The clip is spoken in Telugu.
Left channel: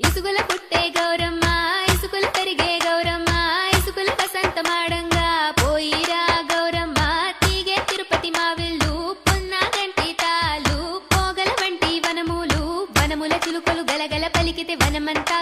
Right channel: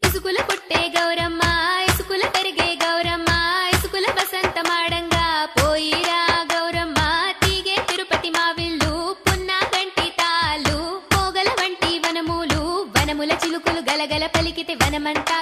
ఇసుగుల పుట్టే గౌరమ్మ ఇసుగుల పెరిగే గౌరమ్మ ఇసుగుల వసంత మాడంగా పోయిరా గౌరమ్మ తీగే తిరుపతి మావిల్లు పున్న గంటి తాలు పోగల వంటి వనములు వనముల చిలుకలు గలగల పలికితే వనమంతా